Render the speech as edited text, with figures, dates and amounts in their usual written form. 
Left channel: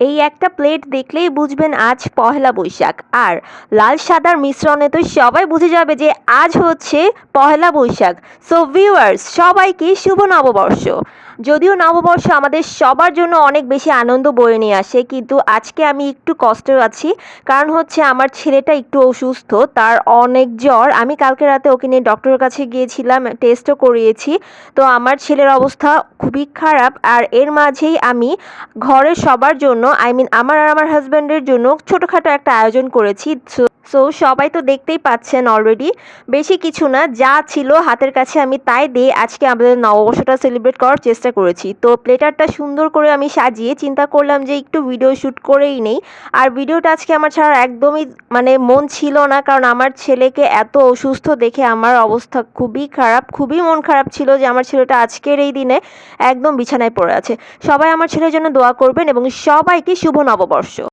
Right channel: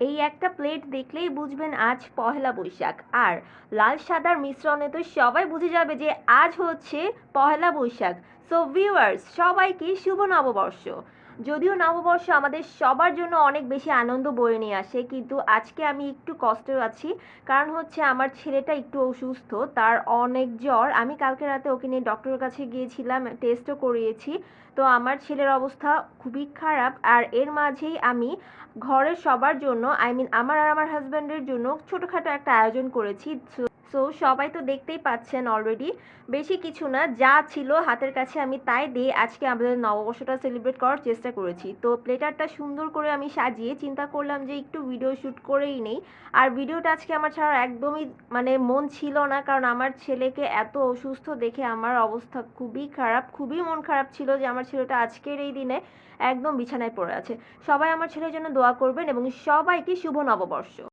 এই একটা প্লেট দেখলেই বুঝবেন আজ পহেলা বৈশাখ। আর লাল সাদার মিশ্রণে তো সবাই বুঝে যাবে যে আজ হচ্ছে পহেলা বৈশাখ। সো ভিউয়ার্স, সবাইকে শুভ নববর্ষ। যদিও নববর্ষ আমাদের সবার জন্য অনেক বেশি আনন্দ বয়ে নিয়ে আসে, কিন্তু আজকে আমি একটু কষ্টে আছি। কারণ হচ্ছে আমার ছেলেটা একটু অসুস্থ, তার অনেক জ্বর। আমি কালকে রাতে ওকে নিয়ে ডক্টরের কাছে গিয়েছিলাম, টেস্টও করিয়েছি। তো আমার ছেলের অবস্থা খুবই খারাপ। আর এর মাঝেই আমি ঘরের সবার জন্য, আই মিন আমার আর আমার হাজব্যান্ডের জন্য ছোটোখাটো একটা আয়োজন করেছি। সো সবাই তো দেখতেই পাচ্ছেন অলরেডি। বেশি কিছু না, যা ছিল হাতের কাছে আমি তাই দিয়ে আজকে আমাদের নববর্ষটা সেলিব্রেট করার চেষ্টা করেছি। তো প্লেটারটা সুন্দর করে আমি সাজিয়ে চিন্তা করলাম যে একটু ভিডিও শ্যুট করেই নেই। আর ভিডিওটা আজকে আমার ছাড়া একদমই মানে মন ছিল না, কারণ আমার ছেলেকে এত অসুস্থ দেখে আমার অবস্থা খুবই খারাপ, খুবই মন খারাপ ছিল যে আমার ছেলেটা আজকের এই দিনে একদম বিছানায় পড়ে আছে। সবাই আমার ছেলের জন্য দোয়া করবেন এবং সবাইকে শুভ নববর্ষ।